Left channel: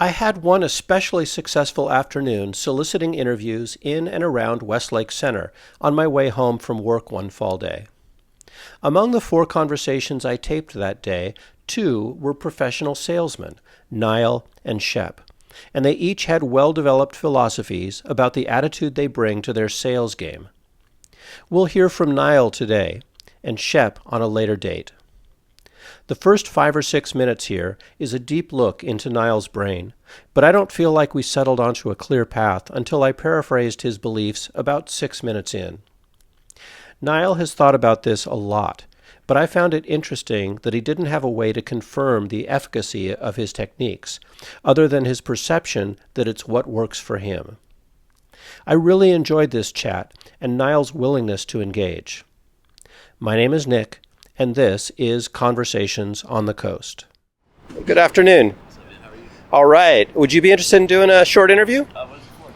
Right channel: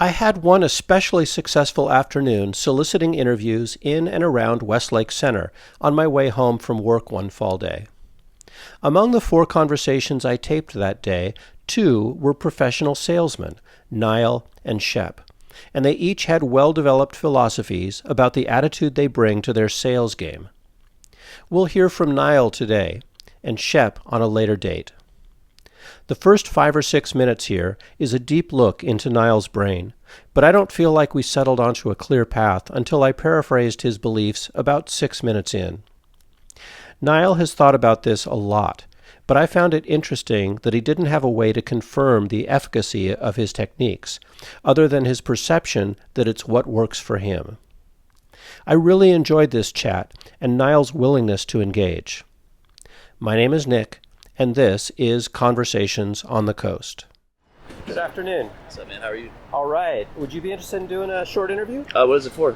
I had one especially successful afternoon soliciting interviews in and around Westlake Center on my way home from work one fall day. Among the 4 conversations I taped that day, 2 were professional salesmen, Niall and Shep, and they each had well-developed philosophies about the attitude they bring to their sales game. We'll hear from Niall today, and Shep on a later date. The first 5 or 6 minutes here is a deep look into Niall's brain, but I don't feel like we settled onto a clear path until I paraphrased his beliefs about 6 minutes in. Niall has thought about this a lot, but I found it interesting that he didn't have a way to confirm the efficacy of his techniques, other than his perception that it's what works for him. I really enjoyed this chat and Niall's willingness to engage. My name is Nick, and this is Conversations on the Coast. Good afternoon. What's up, man? How are you? All right. Would you be interested in doing a short interview? What is it for?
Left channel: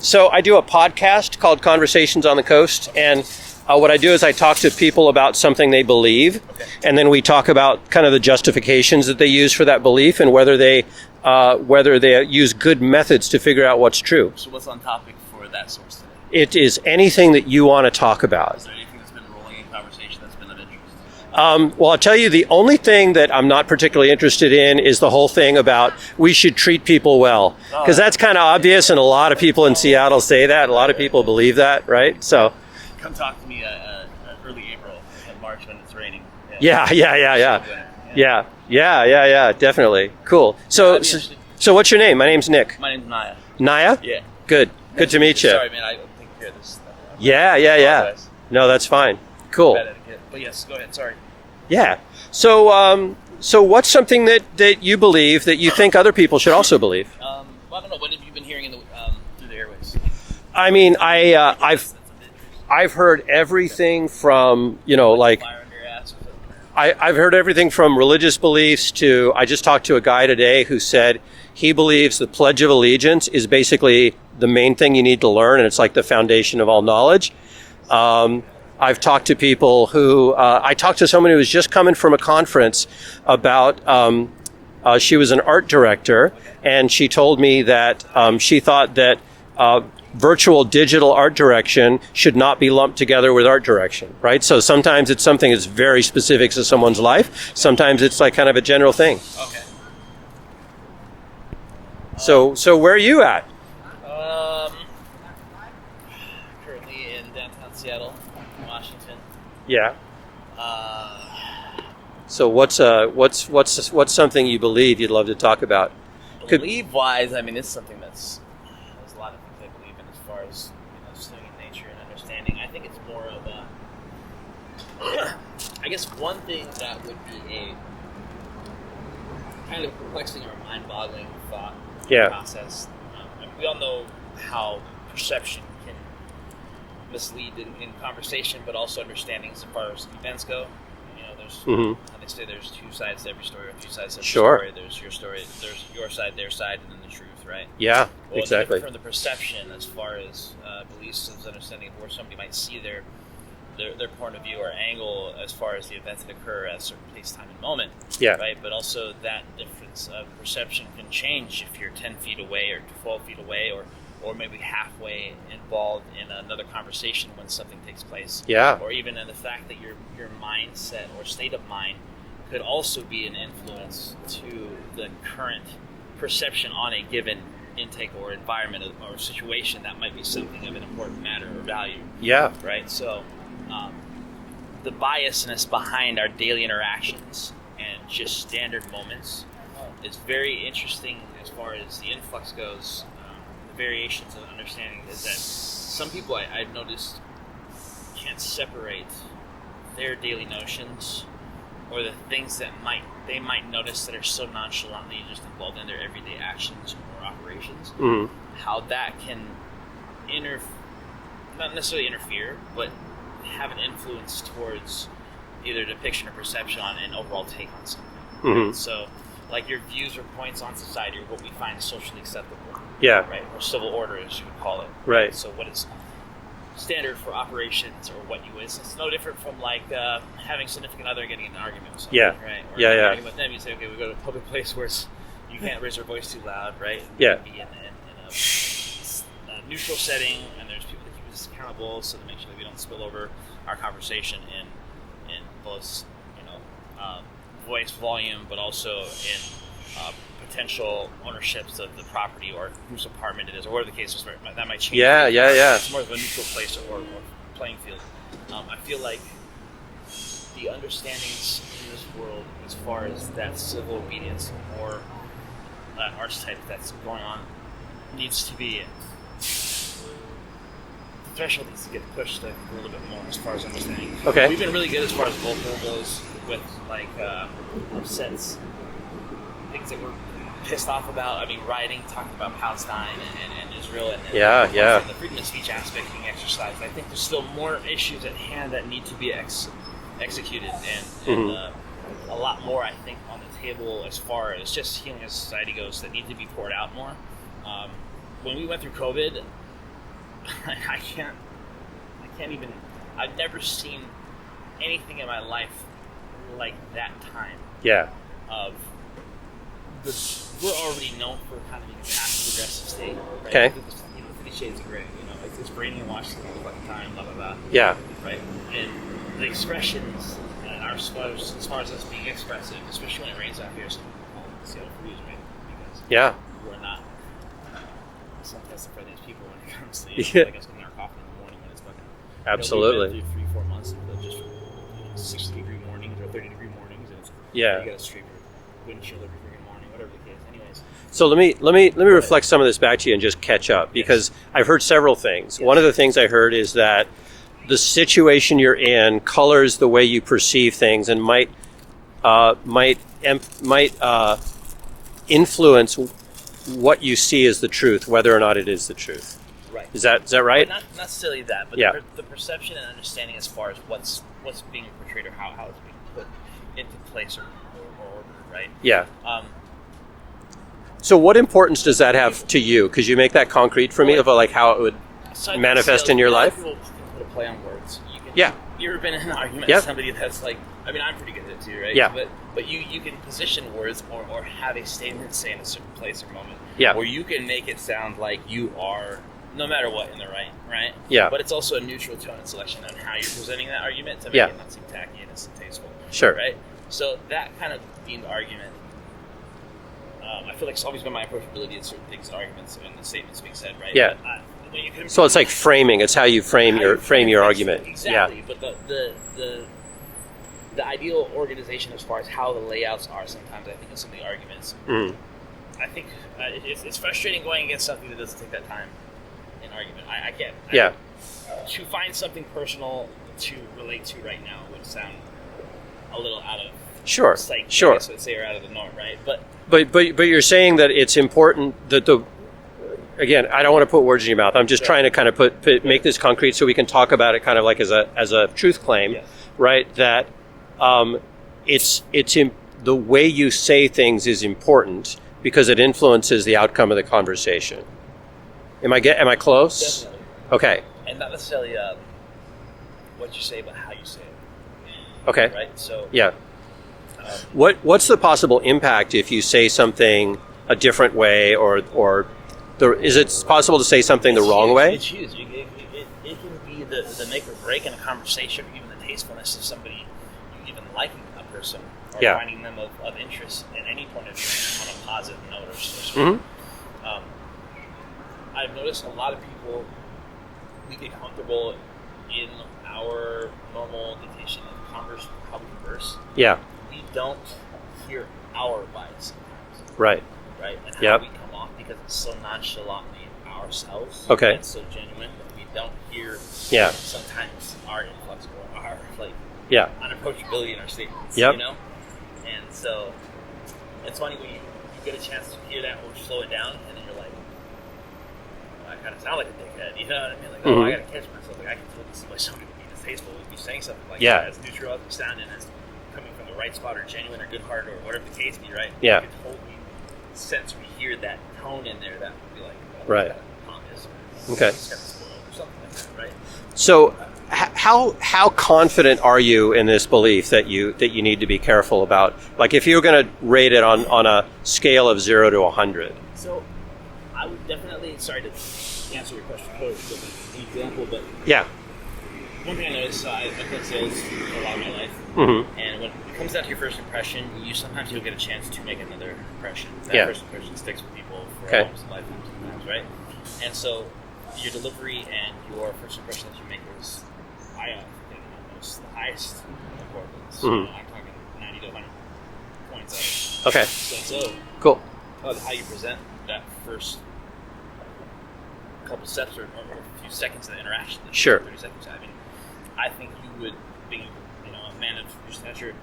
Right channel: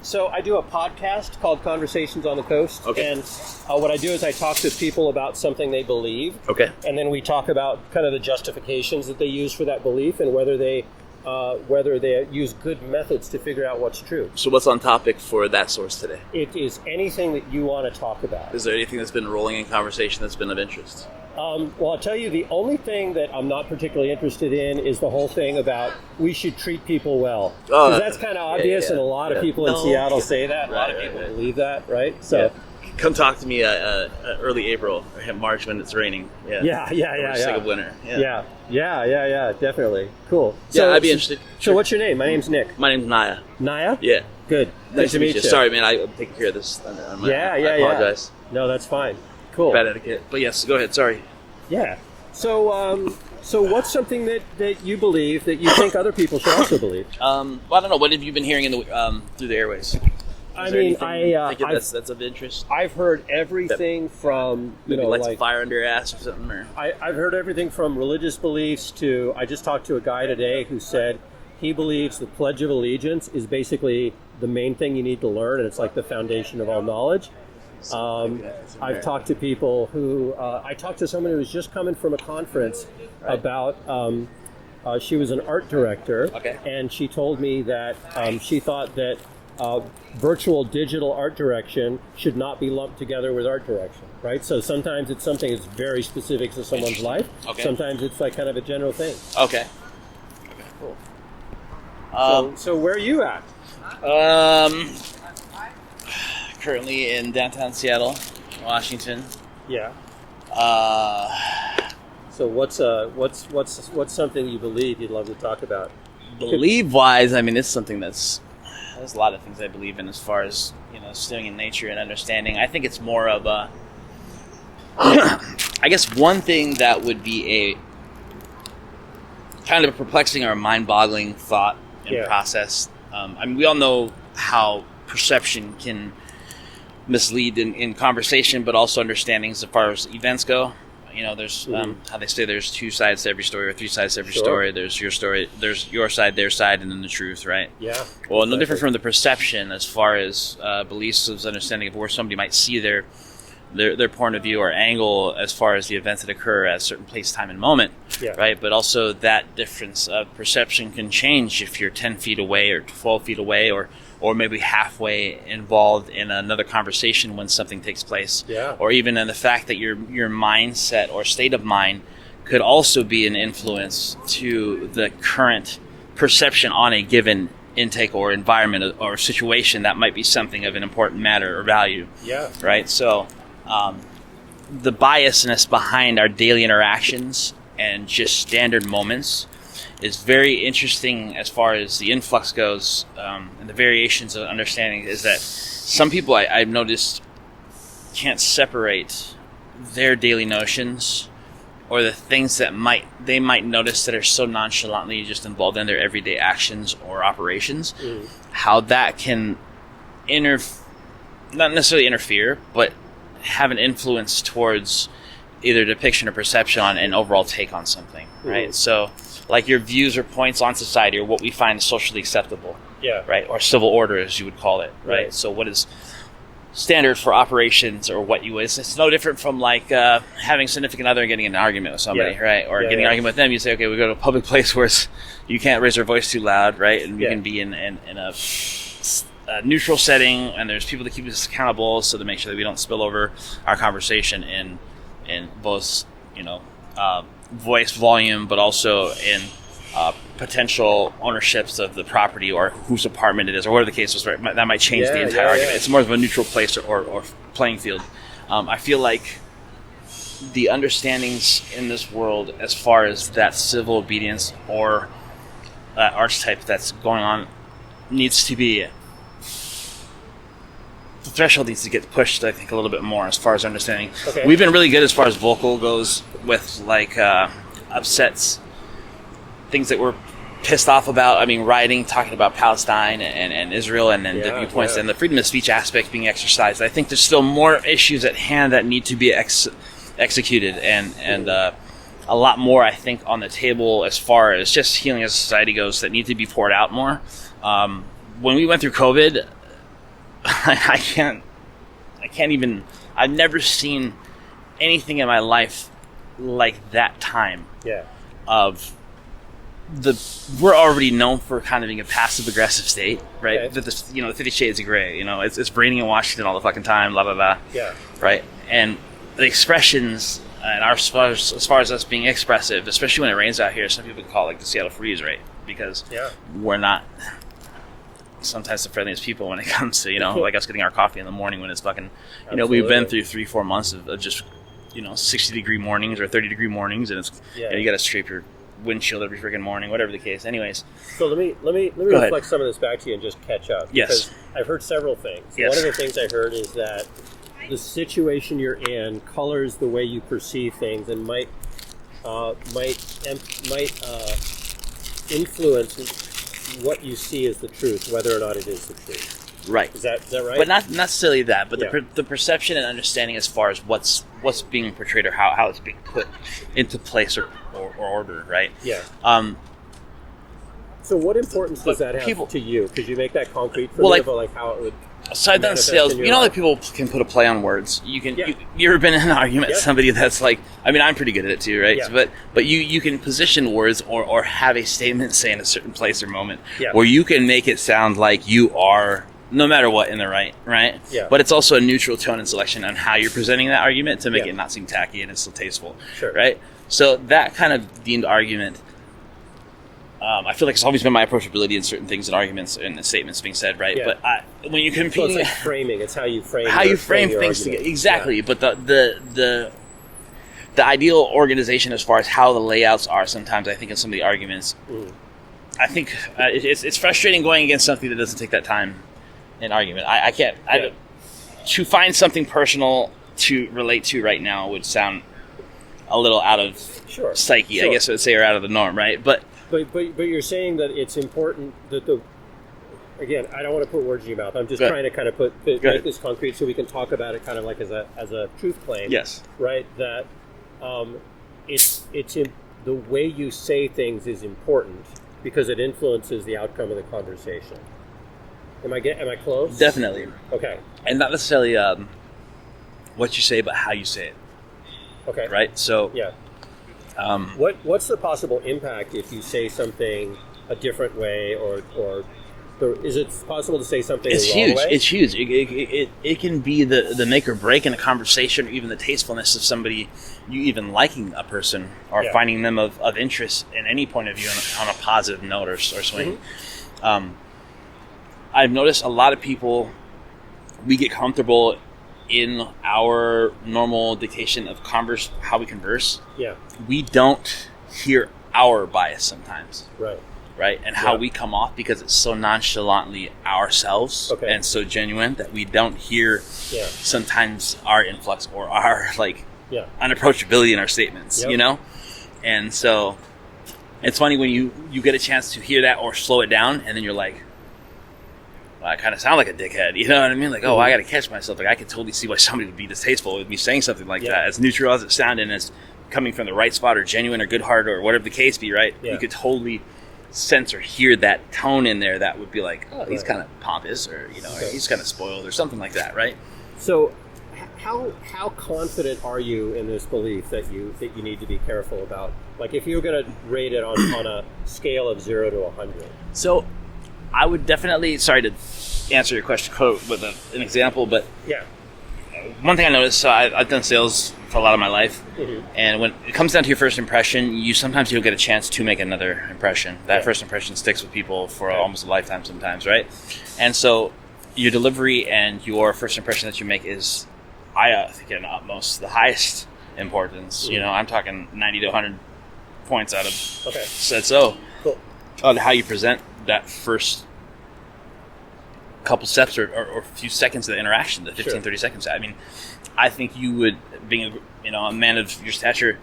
So I do a podcast called Conversations on the Coast, Okay. and what I do is I talk to people about something they believe, Okay. and then we talk about kind of the justifications that they use for that belief and whether they use good methods to figure out what's true. So what's on topic for that source today? It is anything that you want to talk about. Is there anything that's been rolling in conversation that's been of interest? Well, I'll tell you, the only thing that I'm not particularly interested in is the whole thing about we should treat people well. Because that's kind of obvious, and a lot of people in Seattle say that. A lot of people believe that, right? So, come talk to me early April or March when it's raining. Yeah. Sick of winter. Yeah, definitely. Cool. So, I'd be interested. So what's your name? My name's Nick. My name's Naya. Naya? Yeah. Good. Nice Good to meet you. Sorry, man. I'm taking care of this. Yeah. I apologize. No, that's fine. Cool. Bad etiquette. But yes, go ahead. Sorry. Yeah. So what's something that you believe that you think other people should also believe? Well, I don't know. What have you been hearing in the through the airways? I mean, that's of interest. I've heard everything from, like fire under your ass or something. Or? I've heard everything from religious beliefs to, I just talked to a guy today who said he believes the Pledge of Allegiance is basically the main thing you need to learn, and it's like the foundation of all knowledge. I've talked to people who, I talked to someone who was just coming from a conference about, she was an art director, Okay. and she told me that she thought that virtual digital art direction should not be lumped together with art direction, right? So sometimes it's something that's very specific to someone's life. Okay. Sometimes it's like kind of a general thing. Okay. Cool. So where are you at? Currently in downtown Seattle, Washington. Yeah. So what's something you believe you'd love to talk about? Believe-wise, I mean, it's something there's a lot of things I believe in as far as, studying in nature and understanding. I think it's more of a, I guess one thing that would be a kind of a perplexing or mind-boggling thought and process. I mean, we all know how perception can mislead in conversation, but also understandings as far as events go. There's how they say there's 2 sides to every story or 3 sides to every story. There's your story, there's your side, their side, and then the truth, right? Yeah. Well, exactly. No different from the perception as far as beliefs, as understanding of where somebody might see their point of view or angle as far as the events that occur at a certain place, time, and moment. Yeah. Right. But also that difference of perception can change if you're 10 feet away or 12 feet away or maybe halfway involved in another conversation when something takes place. Yeah. Or even in the fact that your mindset or state of mind could also be an influence to the current perception on a given intake or environment or situation that might be something of an important matter or value. Yeah. Right? So the biasness behind our daily interactions and just standard moments is very interesting as far as the influx goes, and the variations of understanding is that some people I've noticed can't separate their daily notions or the things that they might notice that are so nonchalantly just involved in their everyday actions or operations, how that can not necessarily interfere, but have an influence towards either depiction or perception on an overall take on something, right? So like your views or points on society or what we find socially acceptable, right? Or civil order, as you would call it, right? So standard for operations or what you would. It's no different from like having a significant other and getting in an argument with somebody, right? Or getting an argument with them. You say, okay, we go to a public place where you can't raise your voice too loud, right? And we can be in a neutral setting, and there's people to keep us accountable, so to make sure that we don't spill over our conversation in both, voice volume, but also in potential ownerships of the property or whose apartment it is or whatever the case was. Right? That might change the entire argument. It's more of a neutral place or playing field. I feel like the understandings in this world as far as that civil obedience or that archetype that's going on needs to be, the threshold needs to get pushed, I think, a little bit more as far as understanding. Okay. We've been really good as far as vocal goes with like upsets, things that we're pissed off about. I mean, writing, talking about Palestine and Israel, and then and the freedom of speech aspect being exercised. I think there's still more issues at hand that need to be executed, and a lot more, I think, on the table as far as just healing as a society goes that need to be poured out more. When we went through COVID, I can't even. I've never seen anything in my life like that time. Yeah. We're already known for kind of being a passive aggressive state, right? Okay. That the 50 Shades of Grey, it's raining in Washington all the fucking time, blah blah blah. Yeah. Right. And the expressions, and as far as us being expressive, especially when it rains out here, some people call it like the Seattle freeze, right? Because we're not sometimes the friendliest people when it comes to like us getting our coffee in the morning when it's fucking. Absolutely. We've been through 3-4 months of just 60-degree mornings or 30-degree mornings, and it's you got to scrape your windshield every freaking morning, whatever the case. Anyways, so let me reflect some of this back to you and just catch up. Yes. Because I've heard several things. Yes. One of the things I heard is that the situation you're in colors the way you perceive things and might influence what you see as the truth, whether or not it is the truth. Right. Is that right? But not necessarily that, but the perception and understanding as far as what's being portrayed or how it's being put into place or order, right? Yeah. So what importance does that have to you? Because you make that concrete for me, of like how it would manifest in your life. That people can put a play on words. You can. You ever been in an argument with somebody that's like? I mean, I'm pretty good at it too, right? Yeah. But you can position words or have a statement say in a certain place or moment Yeah. where you can make it sound like you are, no matter what, in the right? Yeah. But it's also a neutral tone and selection on how you're presenting that argument to make it not seem tacky and it's still tasteful. Sure. Right? So that kind of deemed argument, I feel like it's always been my approachability in certain things and arguments and the statements being said, right? Yeah. But when you can, so it's like framing. It's how you frame your argument. Exactly. Yeah. But the ideal organization as far as how the layouts are sometimes, I think, in some of the arguments, I think it's frustrating going against something that doesn't take that time in argument. I can't. To find something personal to relate to right now would sound a little out of psyche, I guess I would say, or out of the norm, right? But you're saying that it's important that again, I don't want to put words in your mouth. I'm just trying to kind of make this concrete so we can talk about it kind of like as a truth claim. Yes. Right. That the way you say things is important because it influences the outcome of the conversation. Am I close? Definitely. Okay. And not necessarily what you say, but how you say it. Okay. Right. So yeah. What's the possible impact if you say something a different way, or is it possible to say something the wrong way? It's huge. It can be the make or break in a conversation, or even the tastefulness of somebody, you even liking a person or finding them of interest in any point of view on a positive note or something. Mm-hmm. I've noticed a lot of people, we get comfortable in our normal dictation of how we converse. Yeah. We don't hear our bias sometimes. Right. And how we come off because it's so nonchalantly ourselves and so genuine that we don't hear sometimes our influx or our unapproachability in our statements, And so it's funny when you get a chance to hear that or slow it down, and then you're like, I kind of sound like a dickhead, you know what I mean? Like, I got to catch myself. Like, I can totally see why somebody would be distasteful with me saying something like that, as neutral as it sounded, and as coming from the right spot or genuine or good heart or whatever the case be, right? Yeah. You could totally sense or hear that tone in there that would be like, oh, he's Right. kind of pompous, or Okay. he's kind of spoiled, or something like that, right? So, how confident are you in this belief that you need to be careful about? Like, if you're going to rate it on a scale of 0 to 100. So, I would definitely, sorry to answer your question with an example, but Yeah. one thing I noticed, so I've done sales for a lot of my life, and when it comes down to your first impression, sometimes you'll get a chance to make another impression. That first impression sticks with people for almost a lifetime sometimes, right? And so your delivery and your first impression that you make is, I think, at utmost, the highest importance. I'm talking 90 to 100 points out of said so. Cool. On how you present that first couple steps or a few seconds of the interaction, the 15, 30 seconds. I mean, I think you would, being a man of your stature,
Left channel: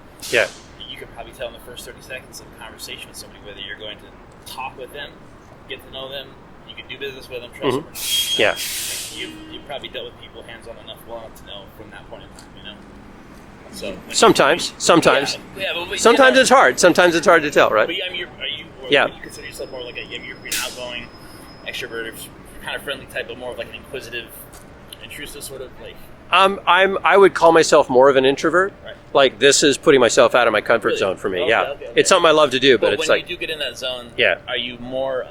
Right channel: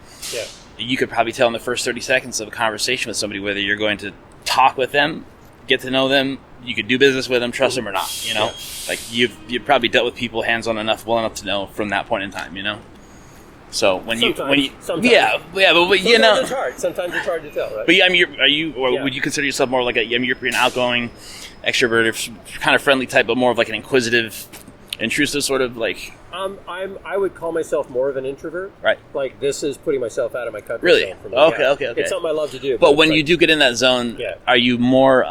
you could probably tell in the first 30 seconds of a conversation with somebody whether you're going to talk with them, get to know them, you could do business with them, trust them or not. Like you've probably dealt with people hands-on enough, well enough to know from that point in time. So sometimes, but sometimes it's hard. Sometimes it's hard to tell, right? But would you consider yourself more like you're an outgoing extrovert, kind of friendly type, but more of like an inquisitive, intrusive sort of like? I would call myself more of an introvert. Right. Like, this is putting myself out of my comfort zone for me. Okay. It's something I love to do. But when you do get in that zone, are you more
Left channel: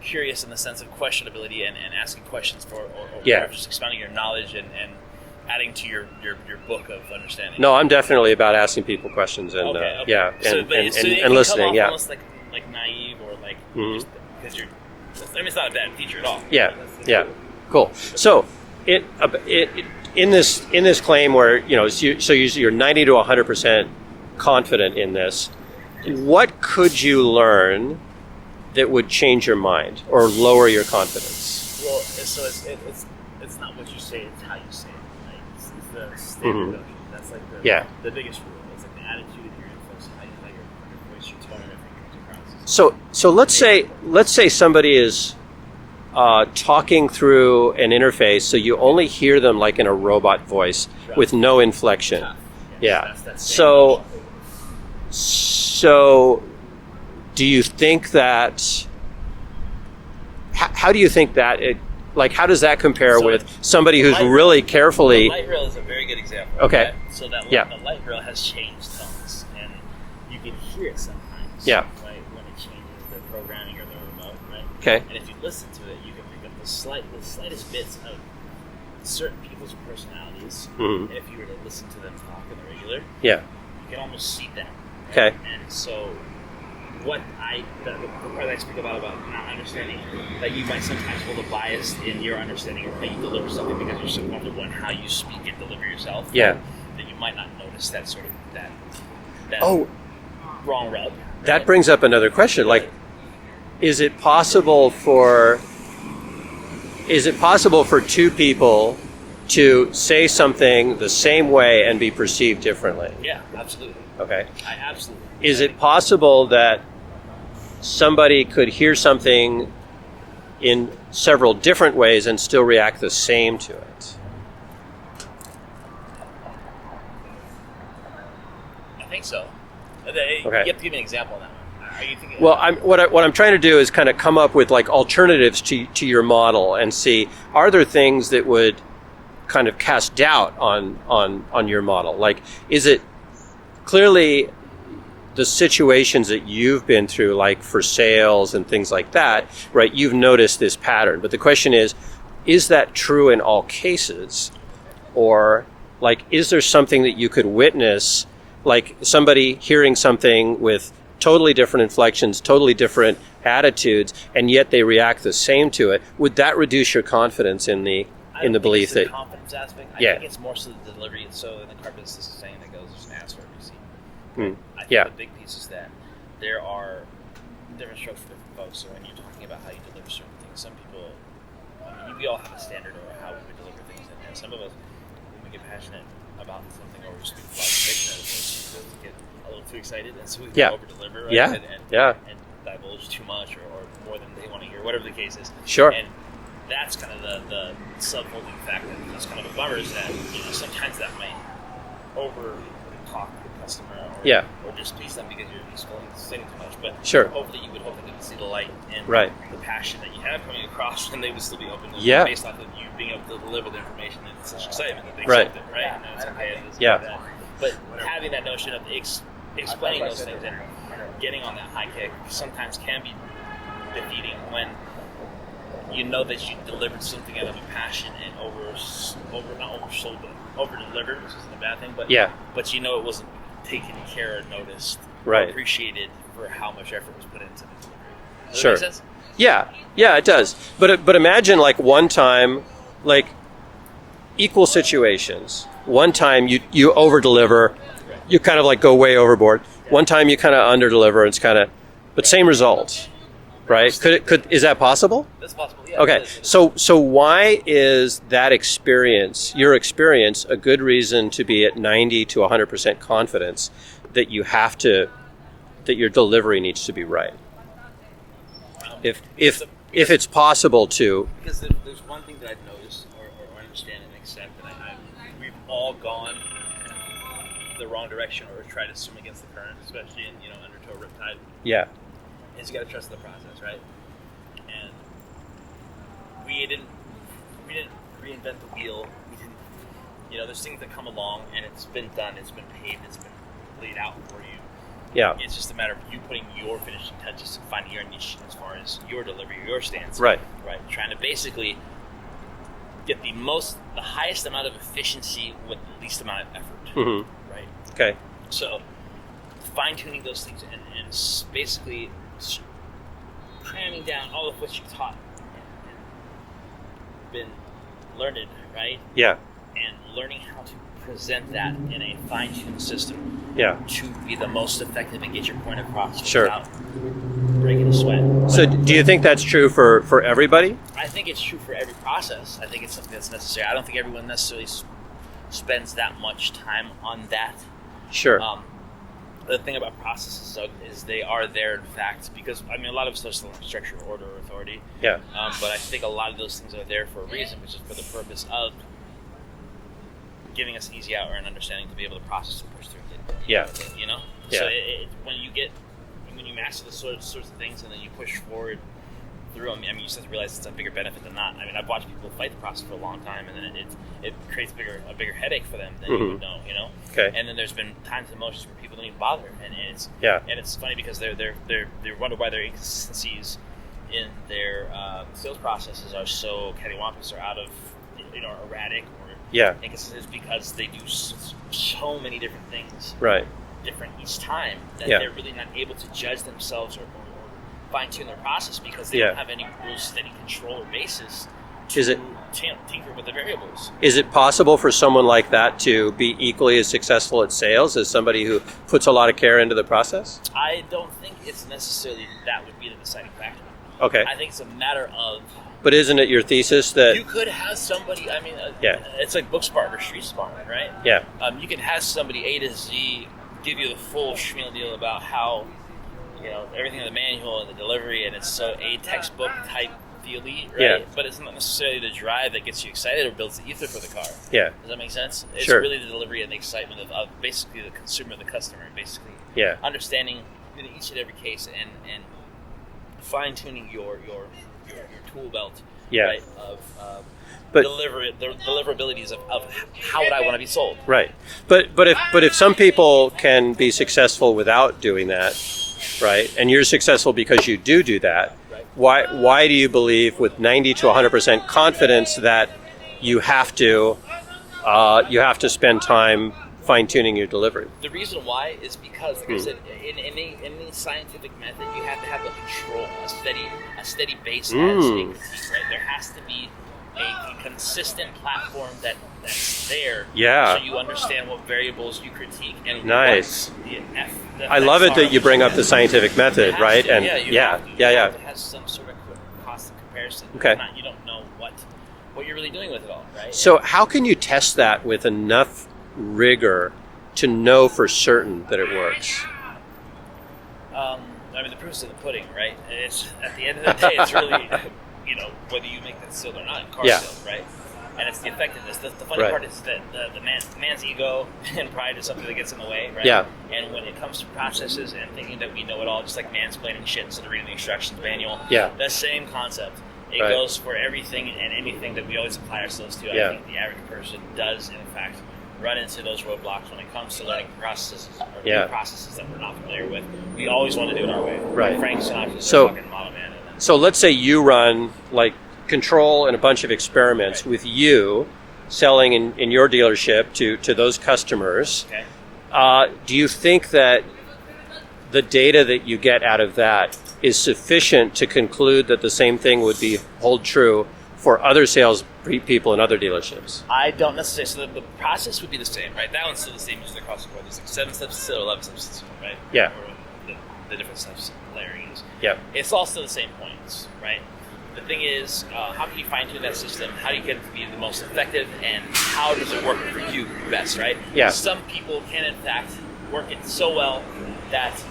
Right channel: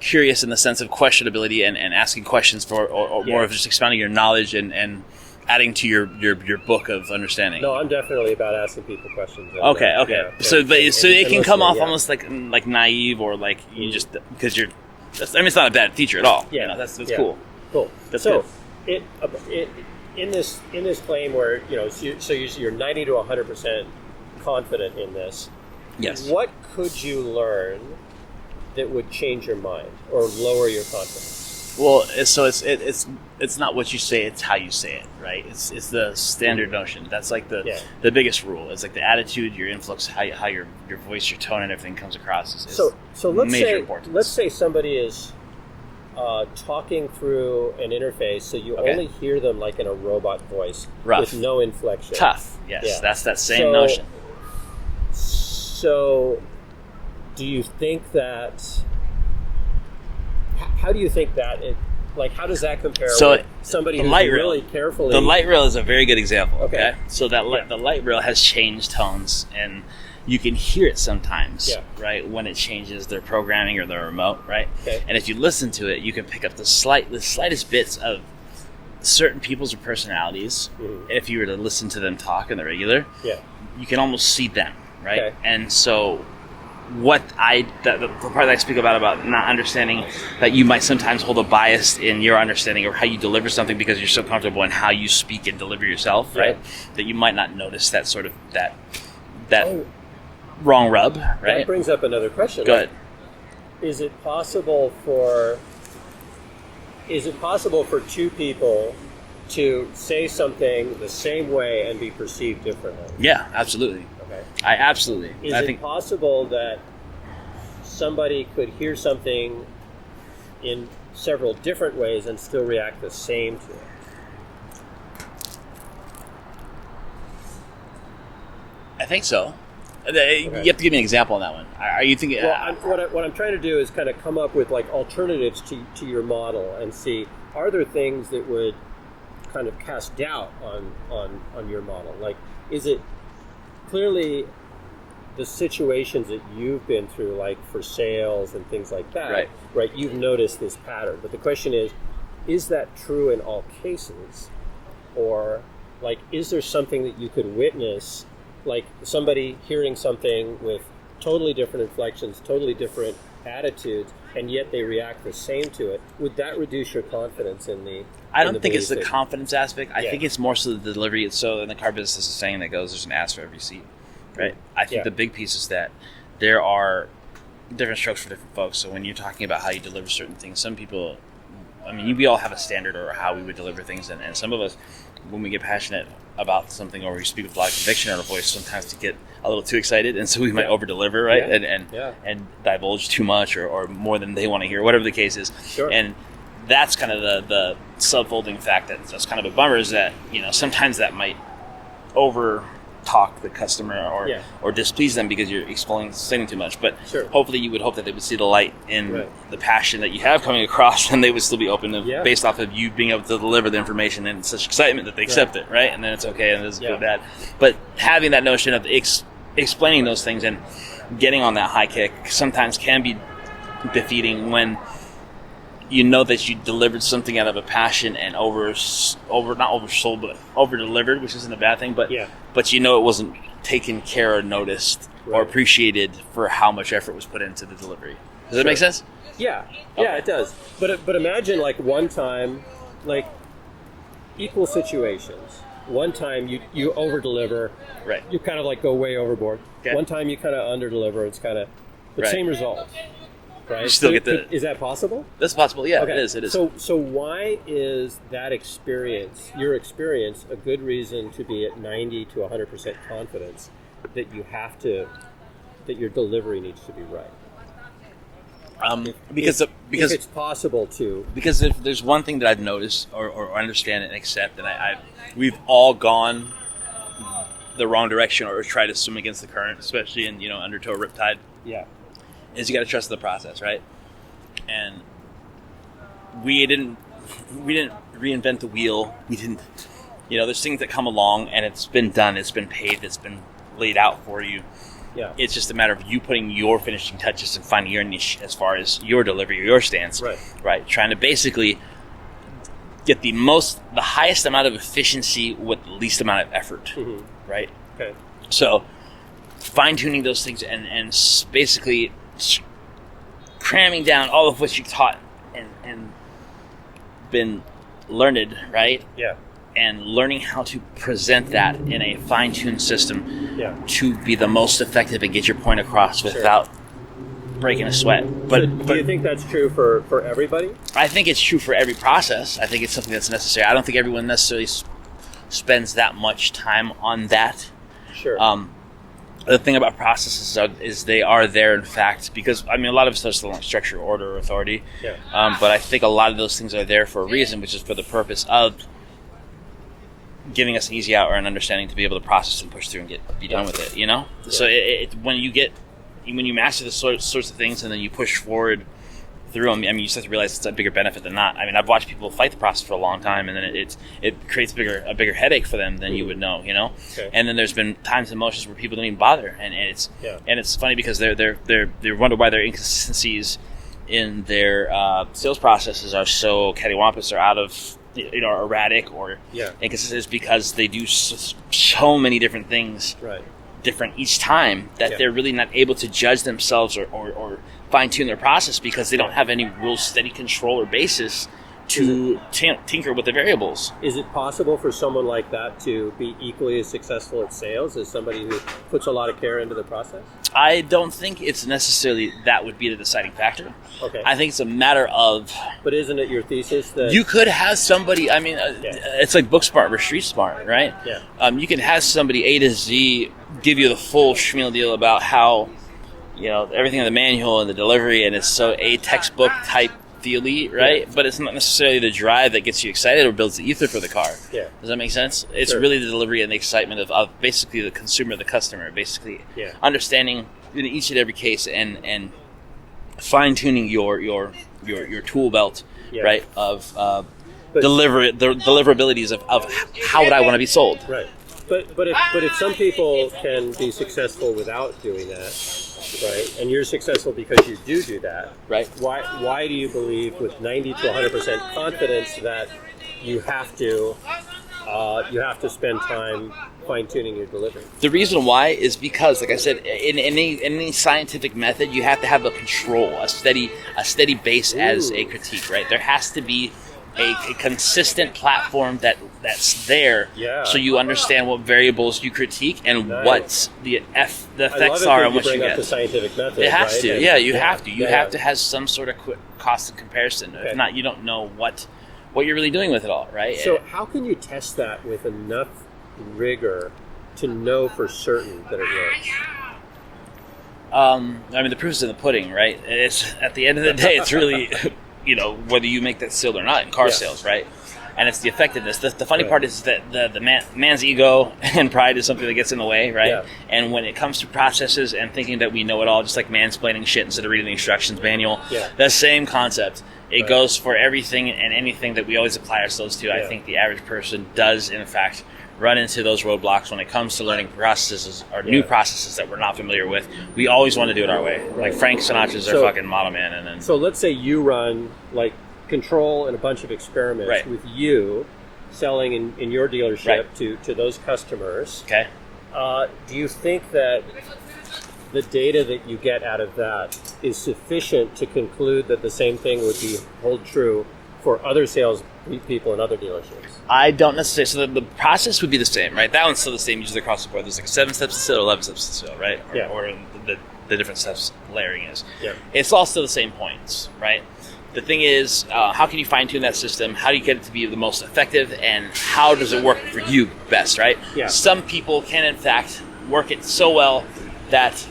curious in the sense of questionability and asking questions or more of just expounding your knowledge and adding to your book of understanding? No, I'm definitely about asking people questions. And, okay. Yeah, so it can come off almost like naive, or like you just, because you're. It's not a bad feature at all. Yeah, that's cool. Cool. That's so, in this claim where you're 90 to 100% confident in this. Yes. What could you learn that would change your mind or lower your confidence? Well, so it's not what you say; it's how you say it, right? It's the standard notion. That's like the biggest rule. It's like the attitude, your influx, how your voice, your tone, and everything comes across. So let's say somebody is talking through an interface, so you only hear them like in a robot voice with no inflection. Tough. Yes. Yeah. That's that same notion. So, do you think that? How do you think that it? Like, how does that compare with somebody who's really carefully? The light rail is a very good example. Okay. So the light rail has changed tones, and you can hear it sometimes. Yeah. Right, when it changes their programming or their remote. Right. Okay. And if you listen to it, you can pick up the slightest bits of certain people's personalities. Mm-hmm. If you were to listen to them talk in the regular, you can almost see them. Right. Okay. And so, the part that I speak about not understanding that you might sometimes hold a bias in your understanding of how you deliver something because you're so comfortable in how you speak and deliver yourself, right? That you might not notice that sort of that wrong rub. Right? That brings up another question. Like, is it possible for two people to say something the same way and be perceived differently? Yeah, absolutely. Okay. Absolutely. Is it possible that somebody could hear something in several different ways and still react the same to it? I think so. You have to give me an example on that one. Are you thinking? Well, what I'm trying to do is kind of come up with like alternatives to your model and see, are there things that would kind of cast doubt on your model? Like, is it clearly the situations that you've been through, like for sales and things like that, right? You've noticed this pattern, but the question is that true in all cases? Or like, is there something that you could witness, like somebody hearing something with totally different inflections, totally different attitudes, and yet they react the same to it? Would that reduce your confidence in the I don't think it's the confidence aspect. I think it's more so the delivery. So in the car business, is a saying that goes, there's an ass for every seat. Right. I think the big piece is that there are different strokes for different folks. So when you're talking about how you deliver certain things, some people, we all have a standard or how we would deliver things. And some of us, when we get passionate about something or we speak with a lot of conviction in our voice, sometimes to get a little too excited. And so we might over-deliver, right? And divulge too much or more than they want to hear, whatever the case is. Sure. And that's kind of the subfolding fact that's kind of a bummer, is that sometimes that might talk the customer Yeah. or displease them because you're explaining too much. But Sure. hopefully you would hope that they would see the light in Right. the passion that you have coming across, and they would still be open to, Yeah. based off of you being able to deliver the information and such excitement that they accept it, right? And then it's okay, and this is Yeah. bad. But having that notion of explaining those things and getting on that high kick sometimes can be defeating when you know that you delivered something out of a passion and not oversold, but over delivered, which isn't a bad thing. But Yeah. but you know it wasn't taken care or noticed or Right. appreciated for how much effort was put into the delivery. Does that Sure. make sense? Yeah, it does. But imagine like one time, like equal situations. One time you over deliver, Right. you kind of like go way overboard. Okay. One time you kind of under deliver. It's kind of, but Right. same results, right? Still get Is that possible? That's possible. Yeah. Okay. It is. So why is that experience, your experience, a good reason to be at 90 to 100% confidence that that your delivery needs to be right? If it's possible to. Because if there's one thing that I've noticed or understand and accept, and we've all gone the wrong direction or tried to swim against the current, especially in undertow riptide. Yeah. Is you got to trust the process, right? And we didn't reinvent the wheel. We didn't. There's things that come along and it's been done, it's been paved, it's been laid out for you. Yeah. It's just a matter of you putting your finishing touches and finding your niche as far as your delivery or your stance. Right. Trying to basically get the highest amount of efficiency with the least amount of effort. Mm-hmm. Right. Okay. So fine-tuning those things and basically cramming down all of what you taught and been learned, right? Yeah. And learning how to present that in a fine-tuned system to be the most effective and get your point across without breaking a sweat. Do you think that's true for everybody? I think it's true for every process. I think it's something that's necessary. I don't think everyone necessarily spends that much time on that. Sure. The thing about processes is they are there, in fact, because, a lot of us are still on structure, order, authority. Yeah. But I think a lot of those things are there for a reason, which is for the purpose of giving us an easy out or an understanding to be able to process and push through and be done with it, Yeah. So when you master the sorts of things and then you push forward through them, you just have to realize it's a bigger benefit than not. I've watched people fight the process for a long time, and then it creates a bigger headache for them than you would know, Okay. And then there's been times and motions where people don't even bother, and it's funny because they wonder why their inconsistencies in their sales processes are so cattywampus or out of erratic or inconsistent, is because they do so many different things different each time that they're really not able to judge themselves or fine-tune their process because they don't have any real steady control or basis to tinker with the variables. Is it possible for someone like that to be equally as successful at sales as somebody who puts a lot of care into the process? I don't think it's necessarily that would be the deciding factor. Okay. I think it's a matter of... But isn't it your thesis that... You could have somebody... It's like book smart or street smart, right? Yeah. You can have somebody A to Z give you the full schmeal deal about how, everything in the manual and the delivery, and it's so a textbook type feely, right? Yeah. But it's not necessarily the drive that gets you excited or builds the ether for the car. Yeah. Does that make sense? It's Sure. really the delivery and the excitement of basically the consumer, the customer, basically understanding in each and every case and fine-tuning your tool belt, right? Of the deliverabilities of how would I want to be sold. Right. But if some people can be successful without doing that, right? And you're successful because you do that. Right. Why do you believe with 90 to 100% confidence that you have to spend time fine-tuning your delivery? The reason why is because, like I said, in any scientific method, you have to have a control, a steady base as a critique, right? There has to be a consistent platform that's there, so you understand what variables you critique and what the effects are. I love it that you bring up the scientific method, it has right? to. You have to. You have to have some sort of cost of comparison. Okay. If not, you don't know what you're really doing with it all, right? So how can you test that with enough rigor to know for certain that it works? The proof is in the pudding, right? It's at the end of the day, it's really, whether you make that sale or not in car sales, right? and it's the effectiveness. The funny part is that the man's ego and pride is something that gets in the way, right? Yeah. And when it comes to processes and thinking that we know it all, just like mansplaining shit instead of reading the instructions manual, that same concept. It goes for everything and anything that we always apply ourselves to. I think the average person does, in fact, run into those roadblocks when it comes to learning processes or new processes that we're not familiar with. We always want to do it our way. Right. Like Frank Sinatra's their fucking model man. And then, so let's say you run like control and a bunch of experiments with you selling in your dealership to those customers. Okay. Do you think that the data that you get out of that is sufficient to conclude that the same thing would hold true for other sales people in other dealerships? I don't necessarily. So the process would be the same, right? That one's still the same usually across the board. There's like 7 steps to sale, 11 steps to sale, right? Or the different steps layering is. Yeah. It's all still the same points, right? The thing is, how can you fine-tune that system? How do you get it to be the most effective? And how does it work for you best, right? Yeah. Some people can, in fact, work it so well that,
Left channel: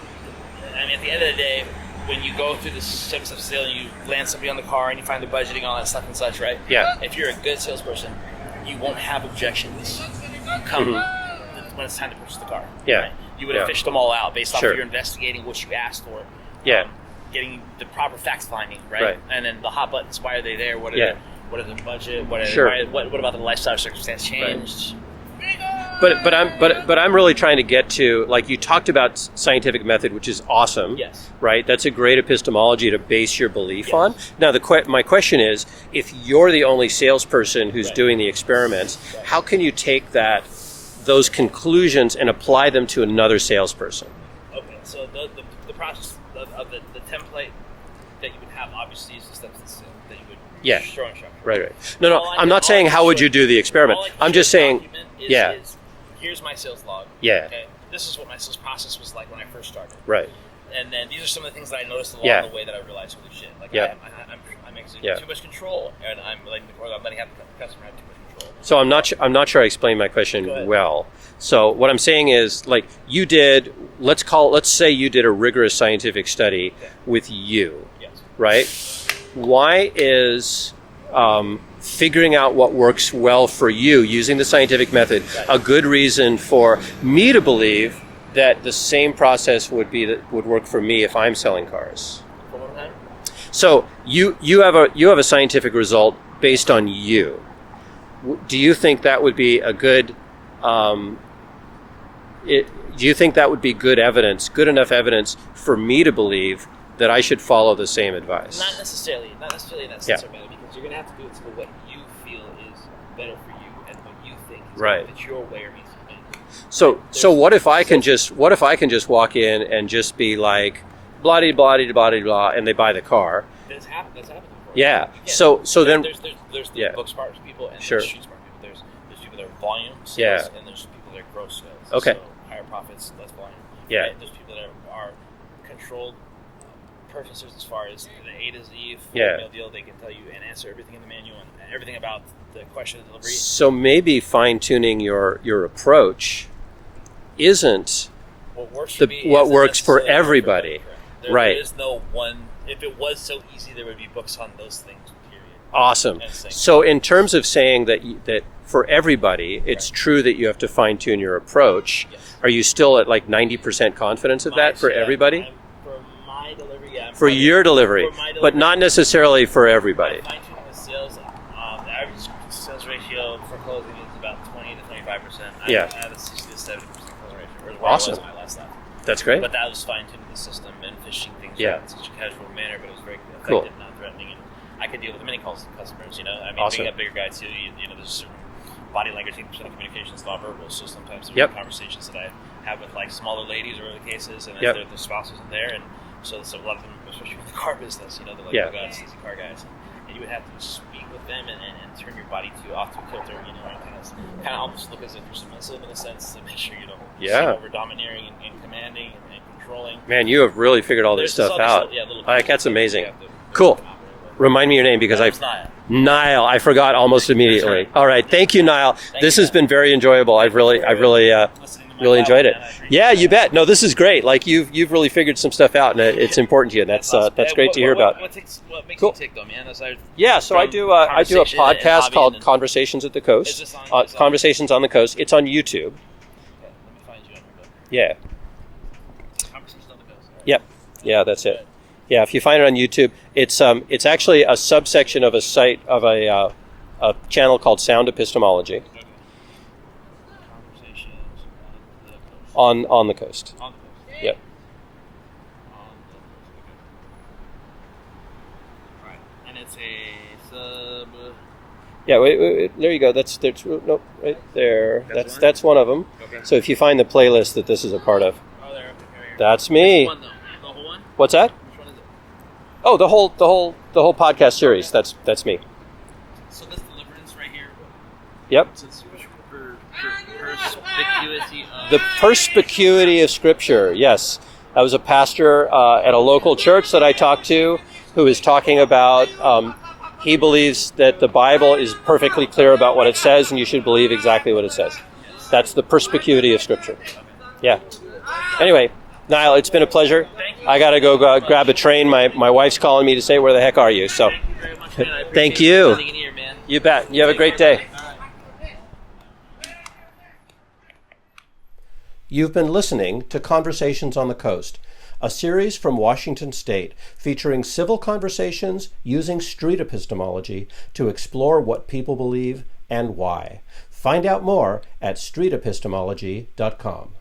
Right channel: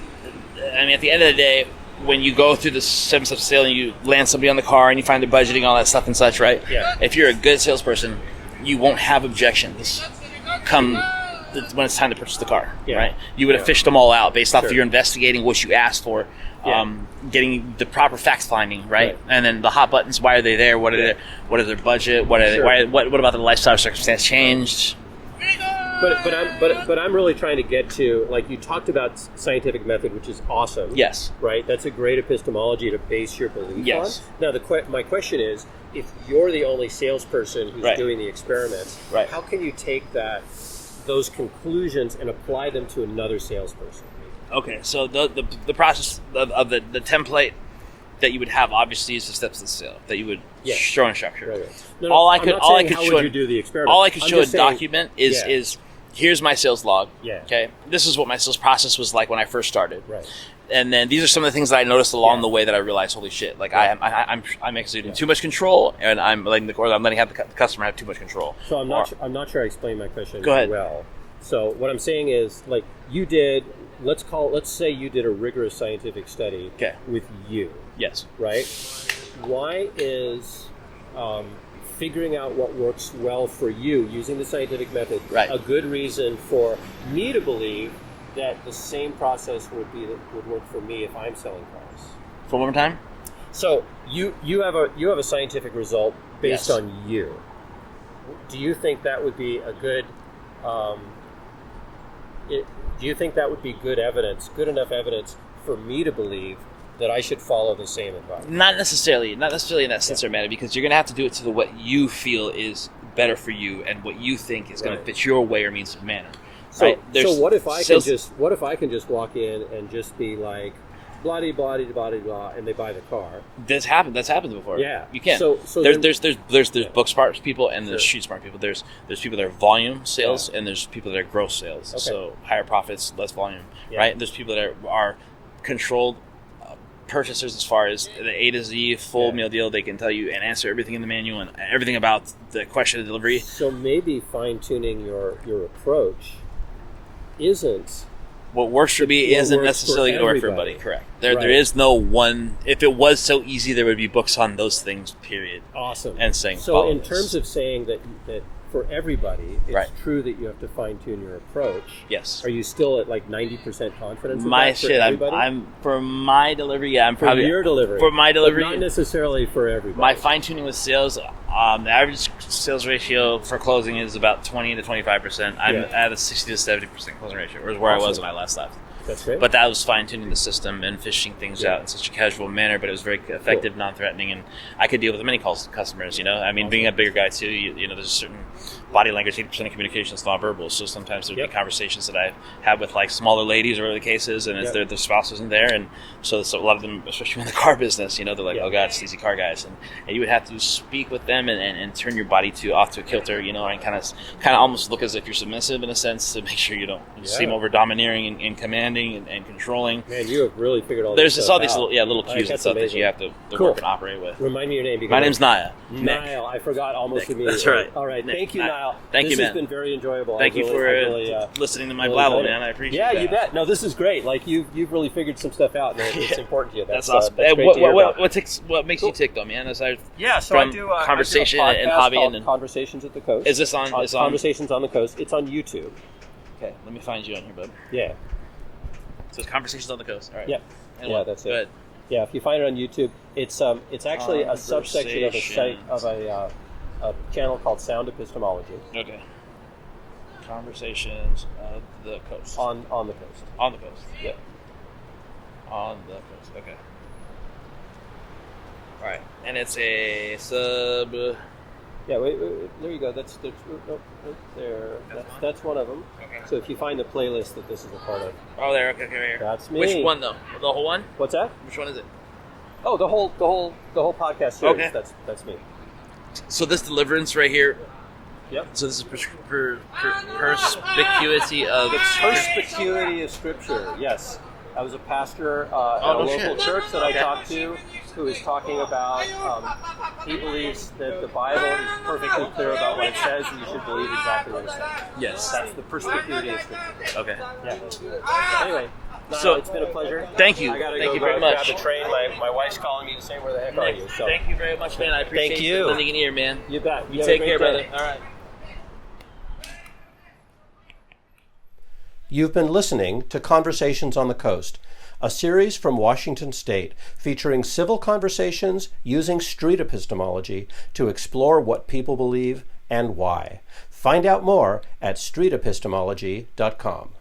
I mean, at the end of the day, when you go through the 7 steps of sale and you land somebody on the car and you find their budgeting, all that stuff and such, right? Yeah. If you're a good salesperson, you won't have objections come when it's time to purchase the car, right? You would have fished them all out based off of your investigating what you asked for, getting the proper fact finding, right? And then the hot buttons, why are they there? What are their budget? What are what about the lifestyle circumstance changed? But I'm really trying to get to, like, you talked about scientific method, which is awesome. Yes. Right? That's a great epistemology to base your belief on. Now, my question is, if you're the only salesperson who's doing the experiments, how can you take those conclusions and apply them to another salesperson? Okay, so the process of the template that you would have obviously is the steps of the sale that you would show in structure. Right. No, I'm not saying how would you do the experiment. All I can I'm show just a saying, document is here's my sales log. Yeah. Okay. This is what my sales process was like when I first started. Right. And then these are some of the things that I noticed along the way that I realized, holy shit! Like I'm exerting too much control, and I'm letting the customer have too much control. So I'm not sure I explained my question well. So what I'm saying is, like, you did. Let's say you did a rigorous scientific study with you. Yes. Right? Why is figuring out what works well for you using the scientific method a good reason for me to believe that the same process would work for me if I'm selling cars? One more time. So you have a scientific result based on you. Do you think that would be a good? Do you think that would be good enough evidence for me to believe that I should follow the same advice? Not necessarily in that sense or manner, because you're going to have to do it to what you feel is better for you and what you think is going to fit your way or means of manner. So what if I can just walk in and just be like, blah de blah de blah de blah, and they buy the car? That's happened before. Yeah. You can. So there's book smart people and there's shoot smart people. There's people that are volume sales and there's people that are gross sales. Okay. So higher profits, less volume. Right. And there's people that are controlled purchasers as far as the A to Z full meal deal. They can tell you and answer everything in the manual and everything about the question of delivery. So maybe fine tuning your approach isn't what works for me. What works for everybody. Correct. There is no one. If it was so easy, there would be books on those things. Period. Awesome. And saying so. In terms of saying that for everybody, it's true that you have to fine tune your approach. Yes. Are you still at like 90% confidence of that for everybody? I'm for my delivery. I'm for your delivery. For my delivery, but not necessarily for everybody. My fine tuning with sales. The average sales ratio for closing is about 20 to 25%. I'm at a 60 to 70% closing ratio, which is where I was when I last left. That's great. But that was fine-tuning the system and fishing things out in such a casual manner, but it was very effective, non-threatening, and I could deal with many customers, I mean, being a bigger guy, too, there's a certain body language, 80% of communication is nonverbal, so sometimes there's conversations that I have with, like, smaller ladies or whatever the case is, and if their spouse isn't there, and so a lot of them, especially in the car business, they're like, oh, God, sleazy car guys, and you would have to speak with them and turn your body off to a kilter, and kind of almost look as if you're submissive in a sense to make sure you don't seem over-domineering and commanding and controlling. Man, you have really figured all this stuff out. There's all these little cues that's amazing. That you have to work and operate with. Remind me your name because my name's Niall. Niall. I forgot almost immediately. That's right. All right. Thank you, Niall. Niall. This you, has been very enjoyable. I've really listening to my really enjoyed man. I it. appreciate Yeah, that. you bet. No, this is great. Like you've really figured some stuff out, and it's important to you. That's That's awesome. that's great to hear about. What makes you tick though, man? Aside Yeah, so I do a conversation and podcast hobby called and- Conversations at the Coast. Is this on Conversations on the Coast? It's on YouTube. Okay, let me find you on here, bud. Yeah. So it's Conversations on the Coast. All right. Yep. Yeah, that's it. Good. Yeah, if you find it on YouTube, it's actually a subsection of a site of a channel called Sound Epistemology Okay. Conversations of the Coast. on the coast. On the coast. Yep. On the coast. Okay. All right, and it's a sub. Yeah, wait, there you go. There's no right there. That's That's one of them. Okay. So if you find the playlist that this is a part of, Oh, there. Okay, right here. that's me. Which one though? The whole one? What's that? Which one is it? Oh, the whole podcast series. Okay. That's me. So this deliverance right here. Yep. So this is perspicuity of The perspicuity of Scripture. Yes, I was a pastor at a local church that I talked to, who is talking about. He believes that the Bible is perfectly clear about what it says, and you should believe exactly what it says. Yes. That's the perspicuity of Scripture. Okay. Yeah. Anyway, Niall, So- it's been a pleasure. Thank you. I got to Thank go you very much. grab a train. My wife's calling me to say, where the heck are you? So Thank you very much, man. I appreciate Thank you. spending in here, man. you bet. You have a Take great care, day. brother. All right. You've been listening to Conversations on the Coast, a series from Washington State featuring civil conversations using street epistemology to explore what people believe and why. Find out more at streetepistemology.com.